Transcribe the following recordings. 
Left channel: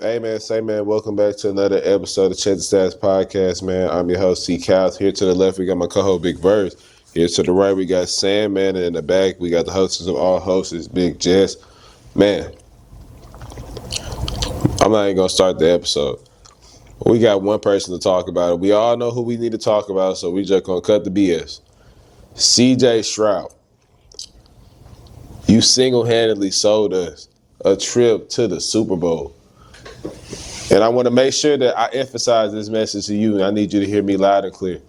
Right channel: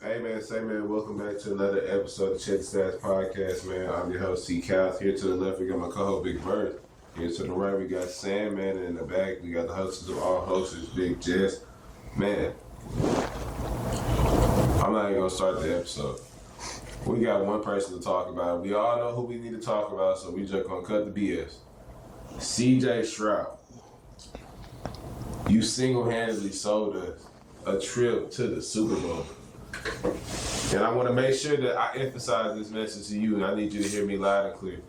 Hey man, say man, welcome back to another episode of Check the Stats Podcast, man. I'm your host, C. Cows. Here to the left, we got my co-host, Big Birds. Here to the right, we got Sam, man, and in the back, we got the hostess of all hosts, Big Jess. Man, I'm not even gonna start the episode. We got one person to talk about it. We all know who we need to talk about, so we just gonna cut the BS. CJ Stroud, you single-handedly sold us a trip to the Super Bowl. And I want to make sure that I emphasize this message to you, and I need you to hear me loud and clear.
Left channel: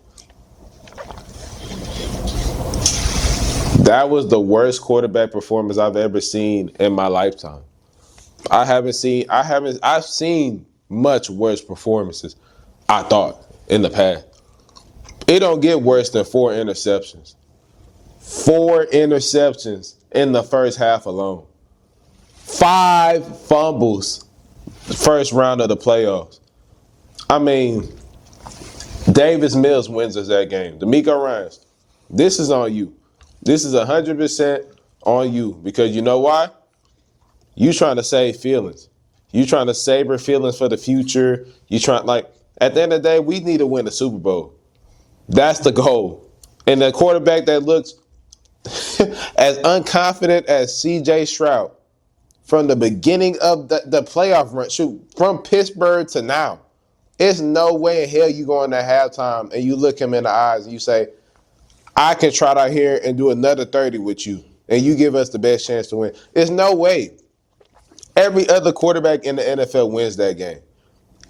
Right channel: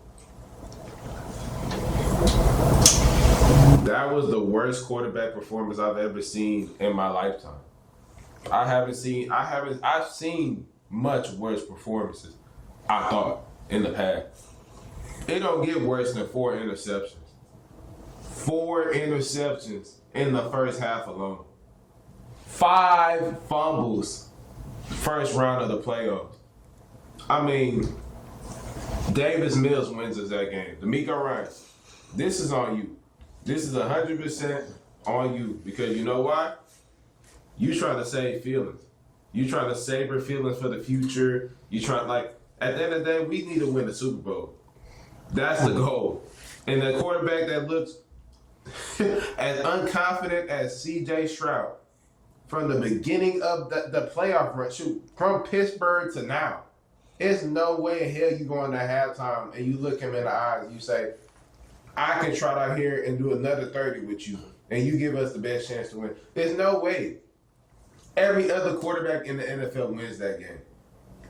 That was the worst quarterback performance I've ever seen in my lifetime. I've seen much worse performances, I thought, in the past. It don't get worse than 4 interceptions. 4 interceptions in the first half alone. 5 fumbles. First round of the playoffs. I mean, Davis Mills wins us that game. D'Amico Ryans, this is on you. This is 100% on you because you know why? You trying to save feelings. You trying to savor feelings for the future. You trying at the end of the day, we need to win the Super Bowl. That's the goal. And the quarterback that looks as unconfident as CJ Stroud. From the beginning of the playoff run, from Pittsburgh to now, it's no way in hell you go into halftime and you look him in the eyes and you say, I can trot out here and do another 30 with you, and you give us the best chance to win. There's no way. Every other quarterback in the NFL wins that game.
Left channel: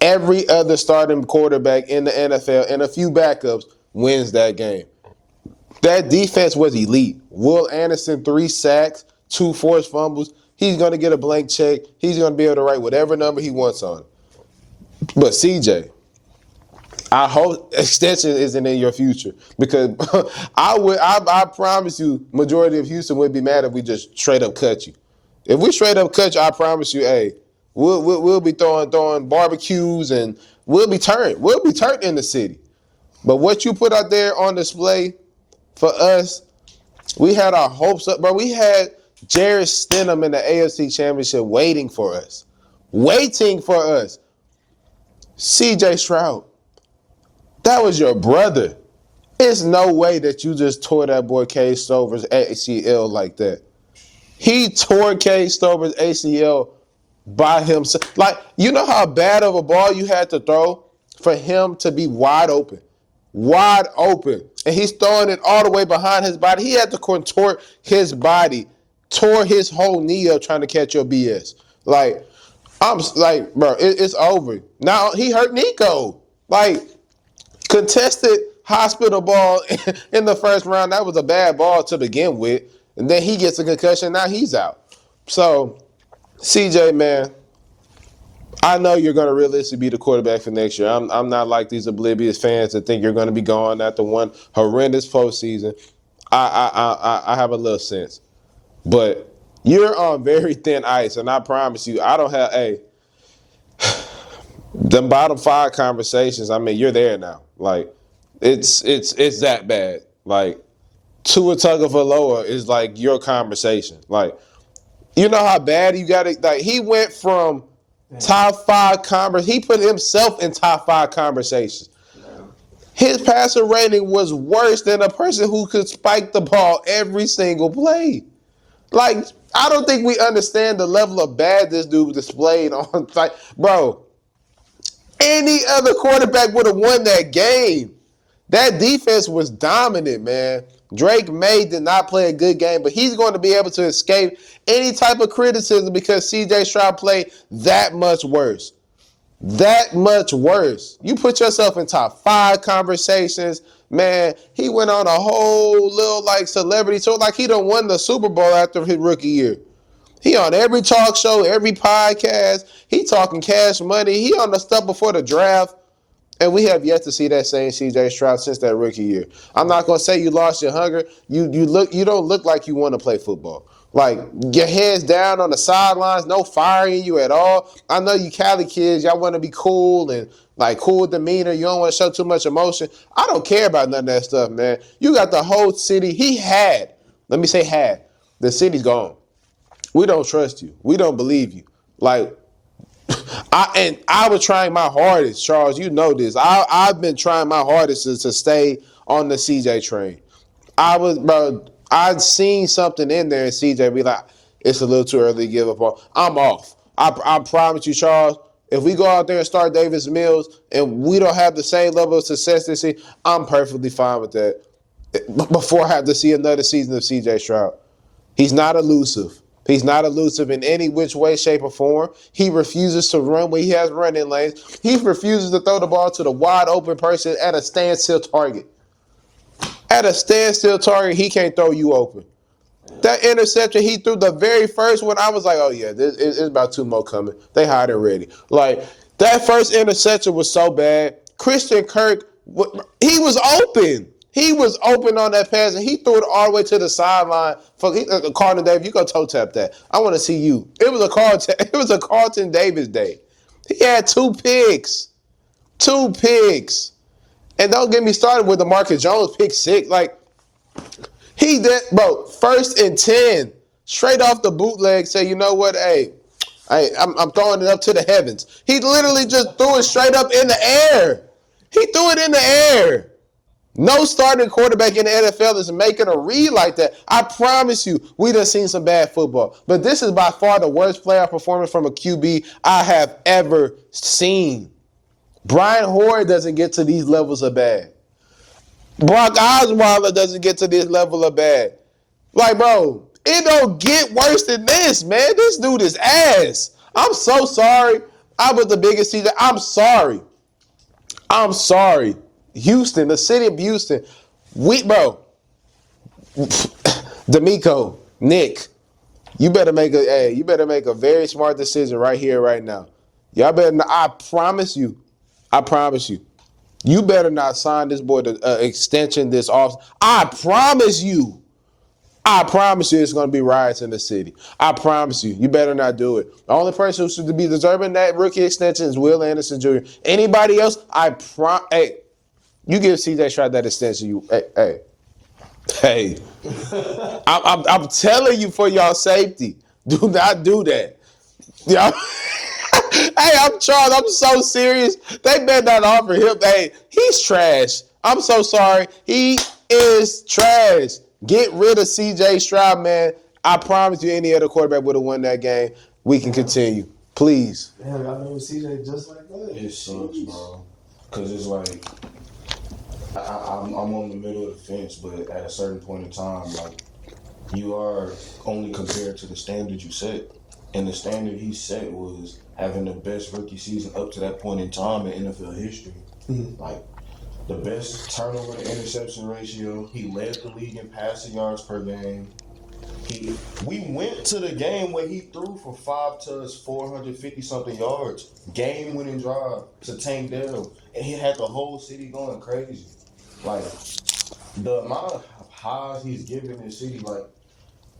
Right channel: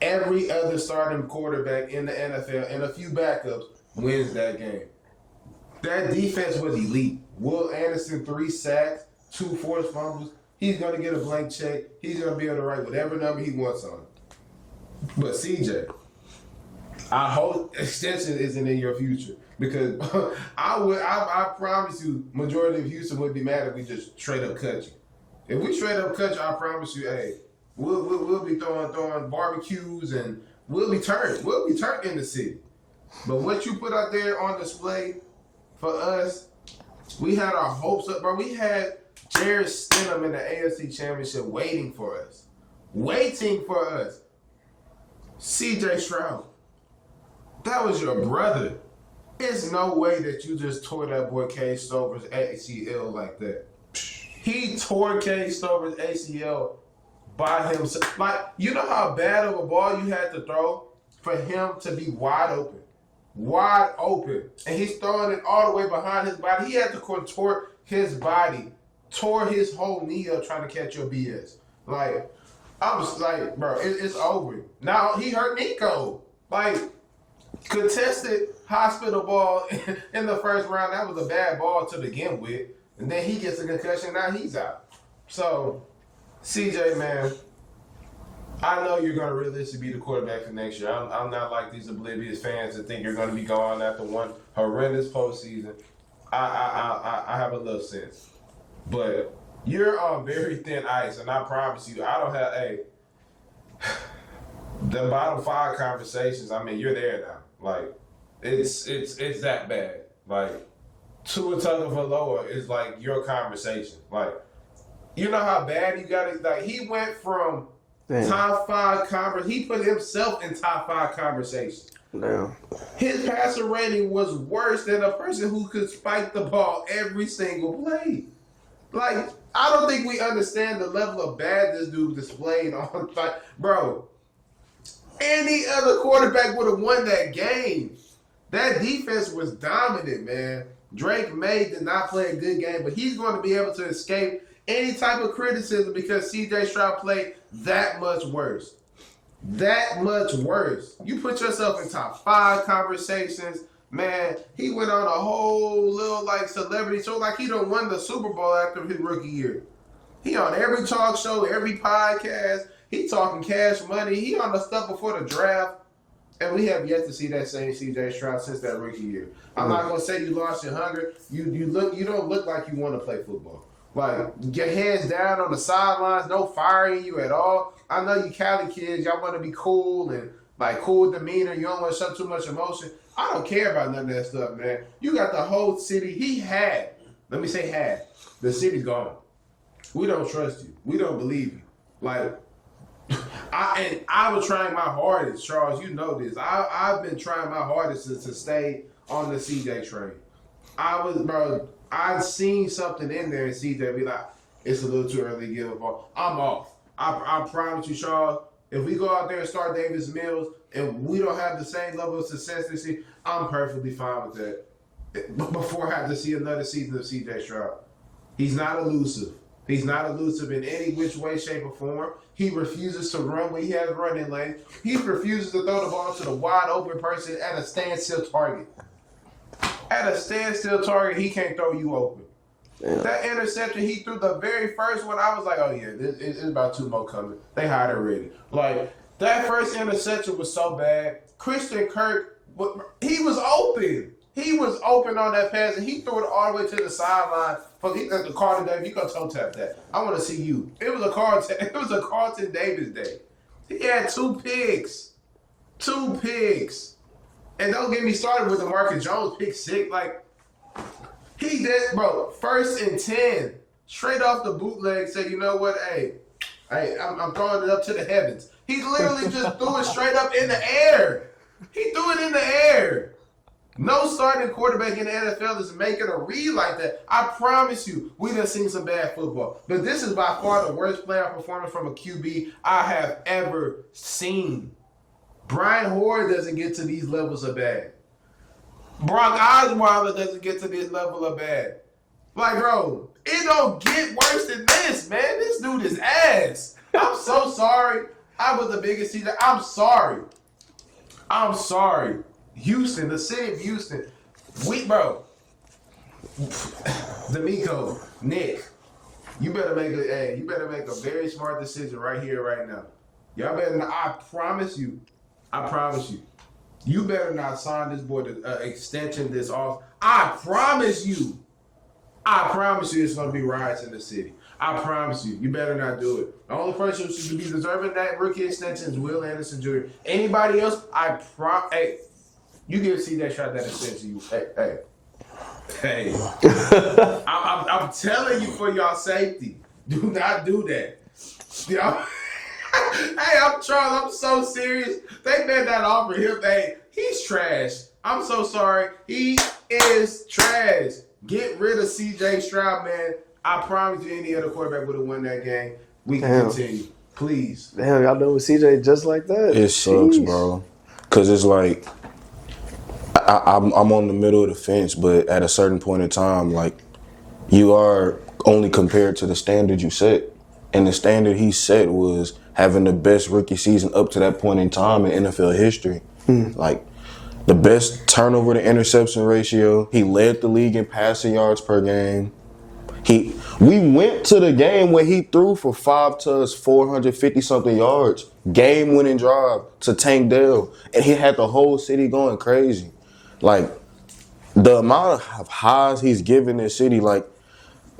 Every other starting quarterback in the NFL and a few backups wins that game. That defense was elite. Will Anderson, 3 sacks, 2 forced fumbles. He's going to get a blank check. He's going to be able to write whatever number he wants on. But CJ, I hope extension isn't in your future because I promise you, majority of Houston would be mad if we just straight up cut you. If we straight up cut you, I promise you, hey, we'll be throwing barbecues and we'll be turned. We'll be turned in the city. But what you put out there on display for us, we had our hopes up, bro. We had Jared Stidham in the AFC Championship waiting for us. Waiting for us. CJ Stroud, that was your brother. There's no way that you just tore that boy Cade Stover's ACL like that. He tore Cade Stover's ACL by himself. You know how bad of a ball you had to throw for him to be wide open? Wide open. And he's throwing it all the way behind his body. He had to contort his body. Tore his whole knee up trying to catch your BS. Bro, it's over. Now, he hurt Nico. Contested hospital ball in the first round. That was a bad ball to begin with. And then he gets a concussion. Now he's out. So, CJ, man, I know you're going to realistically be the quarterback for next year. I'm not like these oblivious fans that think you're going to be gone after one horrendous postseason. I have a little sense. But you're on very thin ice, and I promise you, I don't have the bottom 5 conversations. I mean, you're there now. It's that bad. Tua Tagovailoa is your conversation. You know how bad you got it. He went from top 5 he put himself in top 5 conversations. Damn. His passer rating was worse than a person who could spike the ball every single play. I don't think we understand the level of bad this dude displayed on. Bro, any other quarterback would have won that game. That defense was dominant, man. Drake May did not play a good game, but he's going to be able to escape any type of criticism because CJ Stroud played that much worse. That much worse. You put yourself in top 5 conversations. Man, he went on a whole little celebrity tour he done won the Super Bowl after his rookie year. He on every talk show, every podcast. He talking cash money. He on the stuff before the draft. And we have yet to see that same CJ Stroud since that rookie year. I'm not gonna say you lost your hunger. You don't look like you want to play football. Your hands down on the sidelines, no firing you at all. I know you Cali kids, y'all want to be cool and cool demeanor. You don't want to show too much emotion. I don't care about none of that stuff, man. You got the whole city. Let me say had. The city's gone. We don't trust you. We don't believe you. I was trying my hardest, Charles. You know this. I've been trying my hardest to stay on the CJ train. I'd seen something in there, and CJ be like, it's a little too early to give up on. I'm off. I promise you, Charles. If we go out there and start Davis Mills and we don't have the same level of success this season, I'm perfectly fine with that. Before I have to see another season of CJ Stroud. He's not elusive. He's not elusive in any which way, shape, or form. He refuses to run when he has running lanes. He refuses to throw the ball to the wide open person at a standstill target. At a standstill target, he can't throw you open. Damn. That interception he threw, the very first one, I was like, oh, yeah, it's about 2 more coming. They had it ready. Like, that first interception was so bad. Christian Kirk, he was open. He was open on that pass, and he threw it all the way to the sideline. Carlton Davis, you go toe tap that. I want to see you. It was a Carlton Davis day. He had 2 picks. 2 picks. And don't get me started with the Marcus Jones pick 6. Like, he did, bro, 1st and 10. Straight off the bootleg, say, you know what, hey, I'm throwing it up to the heavens. He literally just threw it straight up in the air. He threw it in the air. No starting quarterback in the NFL is making a read like that. I promise you, we done seen some bad football. But this is by far the worst playoff performance from a QB I have ever seen. Brian Hoyer doesn't get to these levels of bad. Brock Osweiler doesn't get to this level of bad. Like, bro, it don't get worse than this, man. This dude is ass. I'm so sorry. I was the biggest CJ. I'm sorry. Houston, the city of Houston, D'Amico, Nick, you better make a very smart decision right here, right now. Y'all better. I promise you, you better not sign this boy to extension this off. I promise you, it's going to be riots in the city. I promise you, you better not do it. The only person who should be deserving that rookie extension is Will Anderson Jr. Anybody else, hey. You give CJ Stroud that extension, hey. I'm telling you for y'all safety, do not do that. Y'all, hey, I'm Charles. I'm so serious. They better not offer him. Hey, he's trash. I'm so sorry. He is trash. Get rid of CJ Stroud, man. I promise you, any other quarterback would have won that game. We can continue, please. Damn, y'all done with CJ just like that. It sucks, bro. Cause it's like. I'm on the middle of the fence, but at a certain point in time, like, you are only compared to the standard you set. And the standard he set was having the best rookie season up to that point in time in NFL history. Like, the best turnover to interception ratio. He led the league in passing yards per game. We went to the game where he threw for 5 touchdowns, 450-something yards, game-winning drive to Tank Dell, and he had the whole city going crazy. Like, the amount of highs he's given this city, like,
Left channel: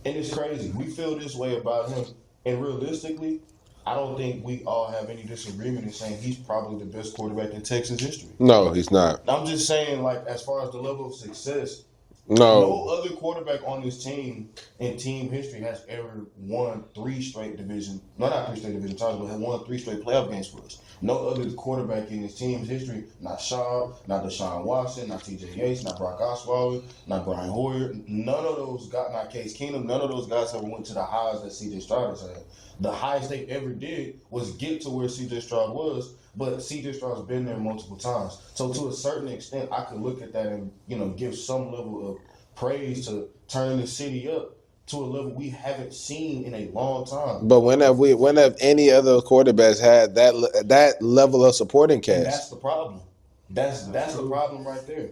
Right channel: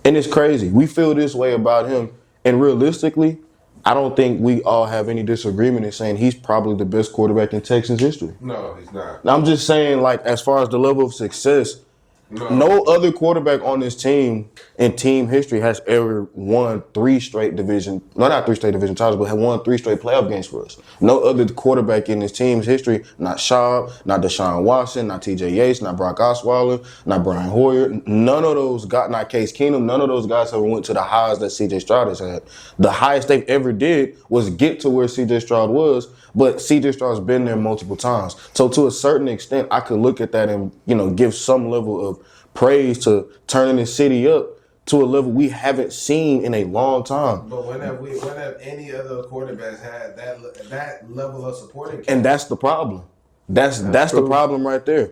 and it's crazy. We feel this way about him, and realistically, I don't think we all have any disagreement in saying he's probably the best quarterback in Texans history. No, he's not. I'm just saying, like, as far as the level of success, no other quarterback on this team in team history has ever won 3 straight division, not 3 straight division titles, but have won 3 straight playoff games for us. No other quarterback in this team's history, not Schaub, not Deshaun Watson, not TJ Yates, not Brock Osweiler, not Brian Hoyer, none of those guys, not Case Keenum, none of those guys ever went to the highs that CJ Stroud has had. The highest they've ever did was get to where CJ Stroud was, but CJ Stroud's been there multiple times. So to a certain extent, I could look at that and, give some level of praise to turning the city up to a level we haven't seen in a long time. But when have any other quarterbacks had that level of supporting cast? And that's the problem. That's the problem right there.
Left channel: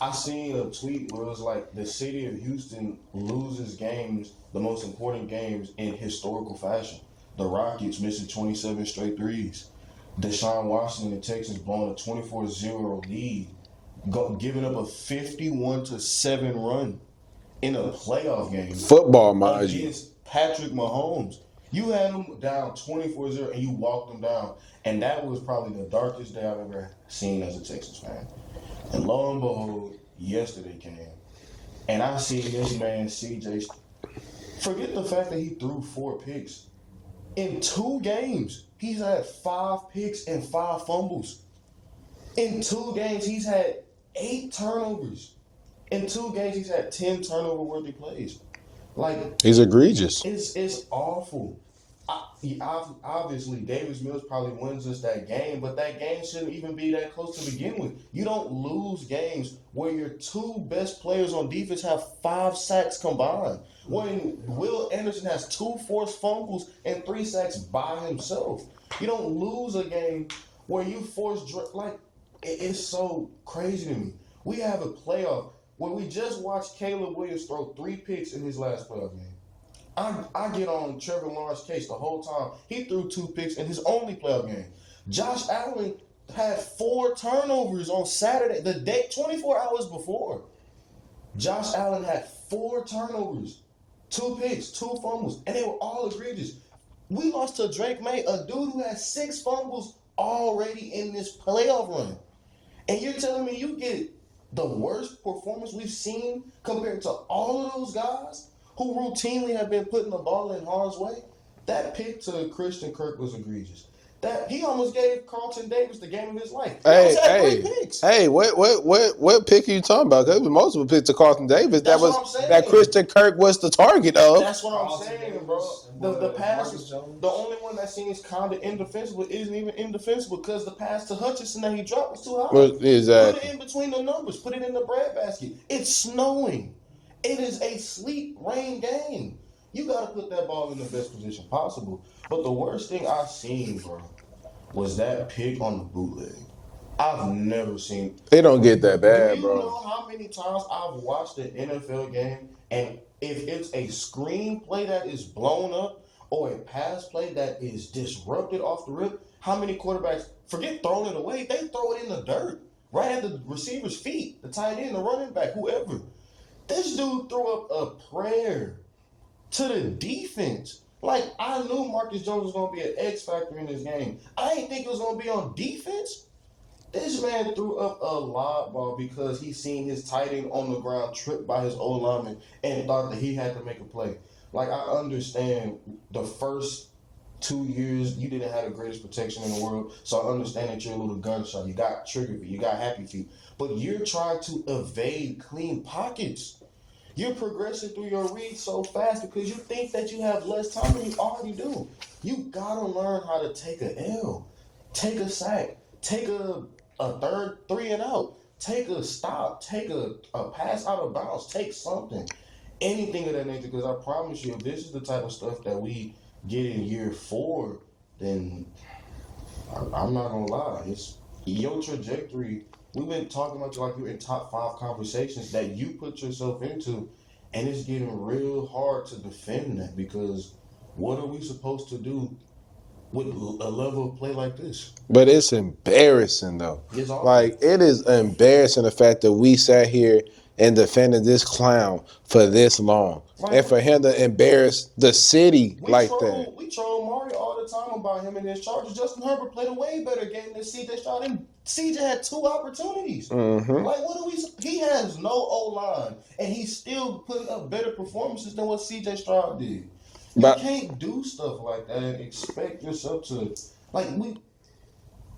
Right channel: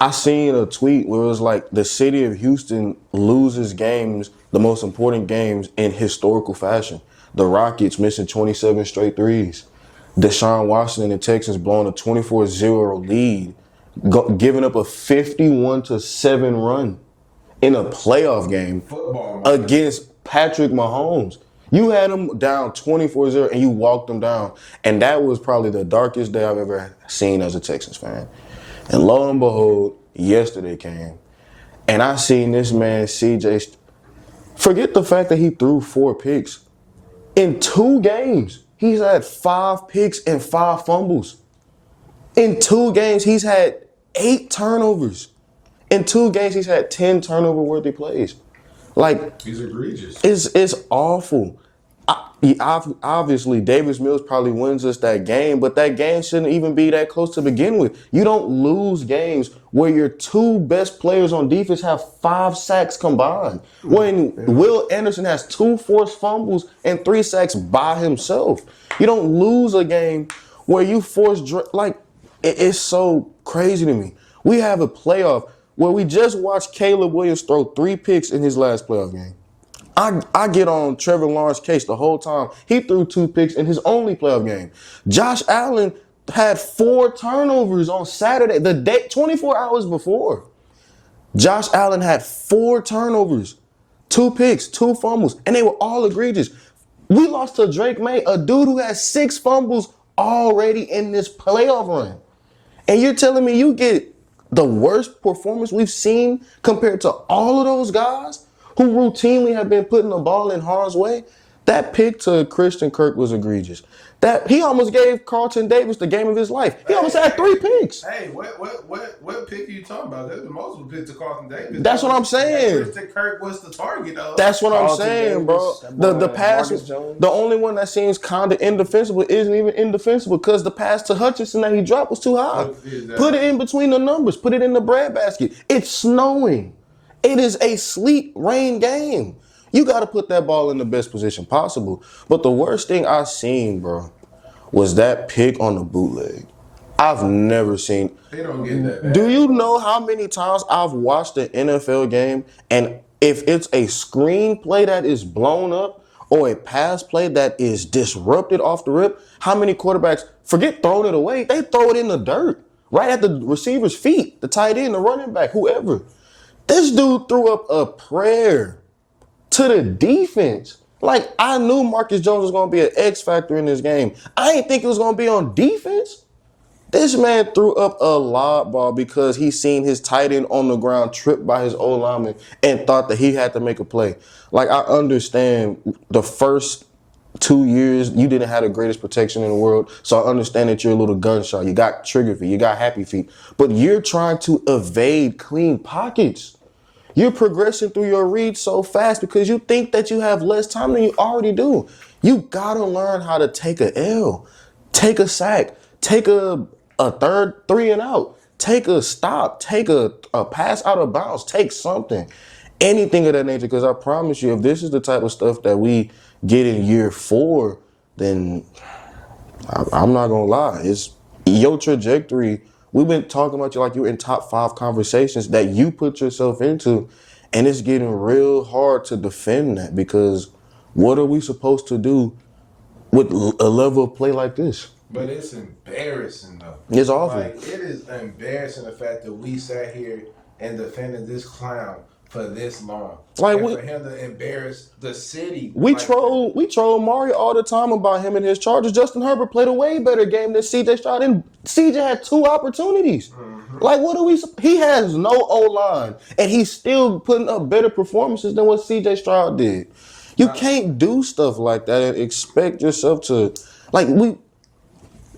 I seen a tweet where it was like the city of Houston loses games, the most important games, in historical fashion. The Rockets missing 27 straight threes. Deshaun Watson and the Texans blowing a 24-0 lead, giving up a 51-7 run in a playoff game. Football against Patrick Mahomes. You had them down 24-0 and you walked them down. And that was probably the darkest day I've ever seen as a Texans fan. And lo and behold, yesterday came. And I seen this man, CJ, forget the fact that he threw 4 picks in 2 games. he's had 5 picks and 5 fumbles. In 2 games, he's had 8 turnovers. In 2 games, he's had 10 turnover-worthy plays. Like, He's egregious. it's awful. Obviously, Davis Mills probably wins us that game, but that game shouldn't even be that close to begin with. You don't lose games where your 2 best players on defense have 5 sacks combined. When Will Anderson has 2 forced fumbles and 3 sacks by himself. You don't lose a game where you force, it's so crazy to me. We have a playoff where we just watched Caleb Williams throw 3 picks in his last playoff game. I get on Trevor Lawrence's case the whole time. He threw 2 picks in his only playoff game. Josh Allen had 4 turnovers on Saturday, the day 24 hours before. Josh Allen had 4 turnovers, 2 picks, 2 fumbles, and they were all egregious. We lost to Drake May, a dude who has 6 fumbles already in this playoff run. And you're telling me you get the worst performance we've seen compared to all of those guys who routinely have been putting the ball in harm's way? That pick to Christian Kirk was egregious. That he almost gave Carlton Davis the game of his life. He almost had 3 picks. Hey, what pick are you talking about? There was multiple picks to Carlton Davis. That's what I'm saying. That Christian Kirk was the target of. That's what I'm Carlton saying, Davis, bro. The pass, Marcus Jones. the only one that seems kind of indefensible isn't even indefensible because the pass to Hutchinson that he dropped was too high. What is that? Put it in between the numbers. Put it in the breadbasket. It's snowing. It is a sleet rain game. You got to put that ball in the best position possible. But the worst thing I seen, bro, was that pick on the bootleg. I've never seen. They don't get that bad. Do you bro. know how many times I've watched an NFL game and if it's a screen play that is blown up or a pass play that is disrupted off the rip, how many quarterbacks, forget throwing it away, they throw it in the dirt, right at the receiver's feet, the tight end, the running back, whoever. This dude threw up a prayer to the defense. Like, I knew Marcus Jones was going to be an X factor in this game. I didn't think it was going to be on defense. This man threw up a lob ball because he seen his tight end on the ground tripped by his old lineman and thought that he had to make a play. Like, I understand the first 2 years you didn't have the greatest protection in the world, so I understand that you're a little gunshot. You got trigger feet, you got happy feet, but you're trying to evade clean pockets. You're progressing through your reads so fast because you think that you have less time than you already do. You gotta learn how to take a L, take a sack, take a third 3 and out, take a stop, take a pass out of bounds, take something, anything of that nature. Because I promise you, if this is the type of stuff that we get in year 4, then I'm not gonna lie, it's your trajectory. We've been talking about you like you're in top 5 conversations that you put yourself into, and it's getting real hard to defend that because what are we supposed to do with a level of play like this? But it's embarrassing, though. It's awful. Like, it is embarrassing the fact that we sat here and defended this clown for this long. Like, and for him to embarrass the city We like troll Mario all the time about him and his Chargers. Justin Herbert played a way better game than CJ Stroud, and CJ had 2 opportunities. Like, what do we? He has no O-line, and he's still putting up better performances than what CJ Stroud did. You can't do stuff like that and expect yourself to,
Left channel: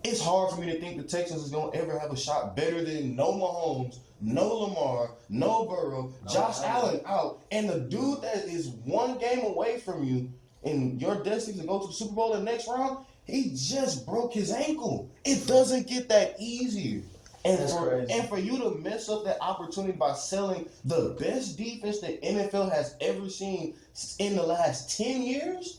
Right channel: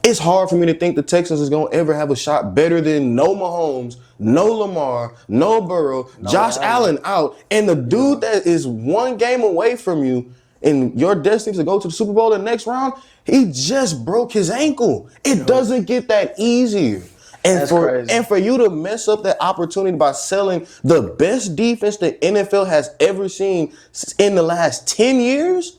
it's hard for me to think the Texans is going to ever have a shot better than no Mahomes, no Lamar, no Burrow, Josh Allen out, and the dude that is 1 game away from you and your destiny to go to the Super Bowl in the next round, he just broke his ankle. It doesn't get that easier. And for you to mess up that opportunity by selling the best defense the NFL has ever seen in the last 10 years,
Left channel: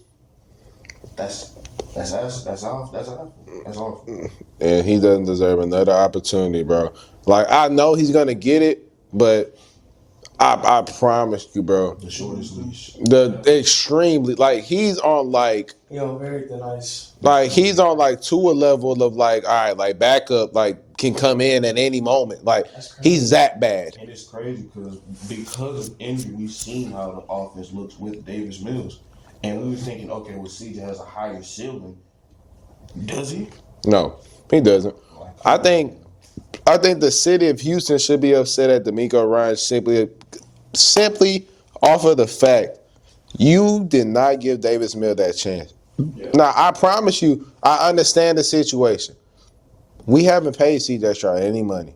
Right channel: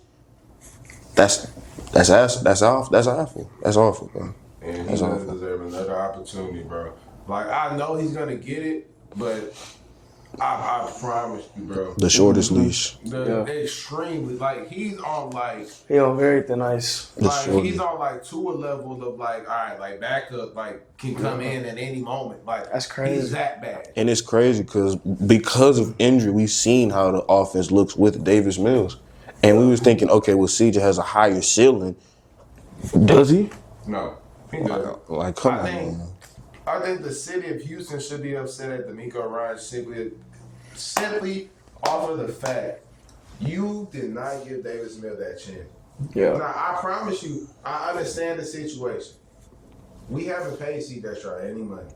that's awful, bro. And he doesn't deserve another opportunity, bro. Like, I know he's going to get it, but I promise you, bro. The shortest leash. Extremely, like, he's on, like... He on very thin ice. Like, he's on, like, to a level of, like, all right, like, backup, like, can come in at any moment. Like, that's crazy. He's that bad. And it's crazy because of injury, we've seen how the offense looks with Davis Mills. And we was thinking, okay, well, CJ has a higher ceiling. Does he? No, he doesn't. Like, I think the city of Houston should be upset at D'Amico Ryans simply off of the fact you did not give Davis Mills that chance. Yeah. Now, I promise you, I understand the situation. We haven't paid CJ Stroud any money.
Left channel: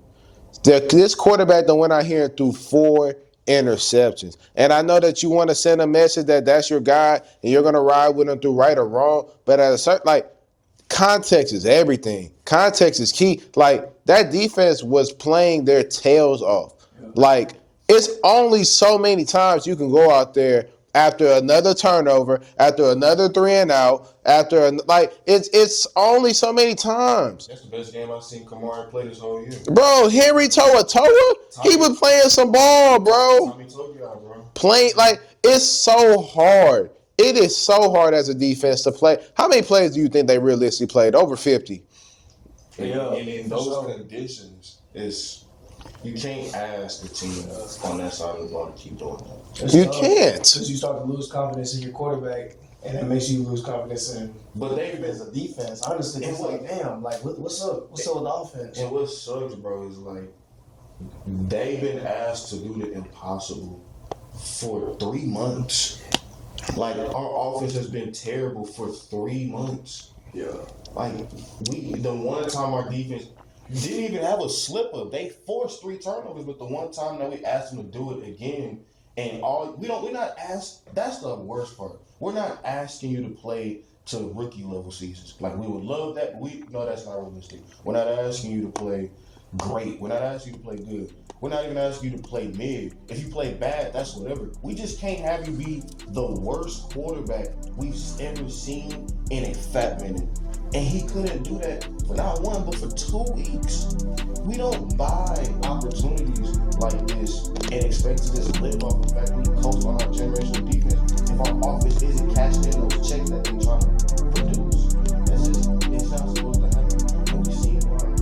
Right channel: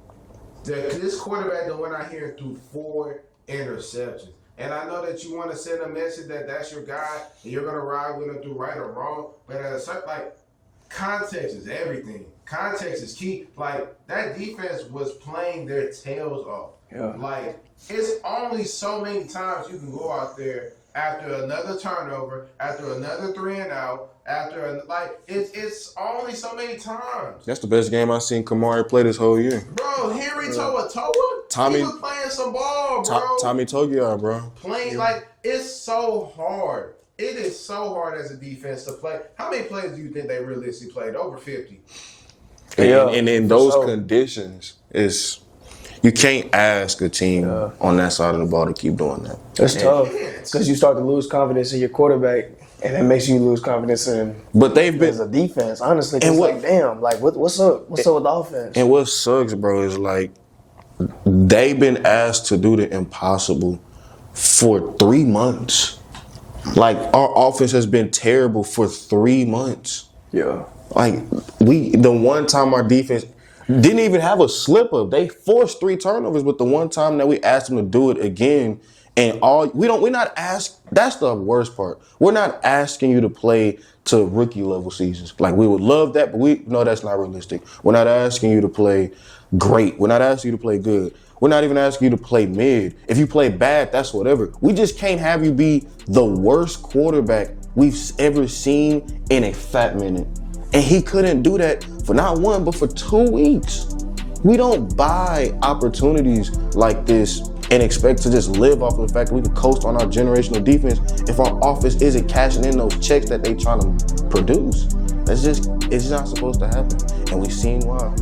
This quarterback that went out here and threw 4 interceptions. And I know that you want to send a message that that's your guy and you're going to ride with him through right or wrong. But at a certain, context is everything. Context is key. That defense was playing their tails off. Yeah. It's only so many times you can go out there after another turnover, after another 3 and out, it's only so many times. That's the best game I've seen Kamari play this whole year. Bro, Henry Toa, he was playing some ball, bro. Tommy Togiai, bro. Playing, it's so hard. It is so hard as a defense to play. How many plays do you think they realistically played? Over 50. And in those conditions, you can't ask a team on that side of the ball to keep doing that. You can't. Because you start to lose confidence in your quarterback, and it makes you lose confidence in as a defense. Honestly, it's what's up? What's up with the offense? And what sucks, bro, is they've been asked to do the impossible for 3 months. Our offense has been terrible for 3 months. Yeah. The one time our defense didn't even have a slip up. They forced 3 turnovers, but the one time that we asked them to do it again, and we're not asked. That's the worst part. We're not asking you to play to rookie level seasons. We would love that, but we know that's not realistic. We're not asking you to play great. We're not asking you to play good. We're not even asking you to play mid. If you play bad, that's whatever. We just can't have you be the worst quarterback we've ever seen in a fat minute. And he couldn't do that for not 1, but for 2 weeks. We don't buy opportunities like this and expect to just live off of the fact that we can coast on our generational defense if our offense isn't cashing in those checks that they trying to produce. It's not supposed to happen. And we've seen why.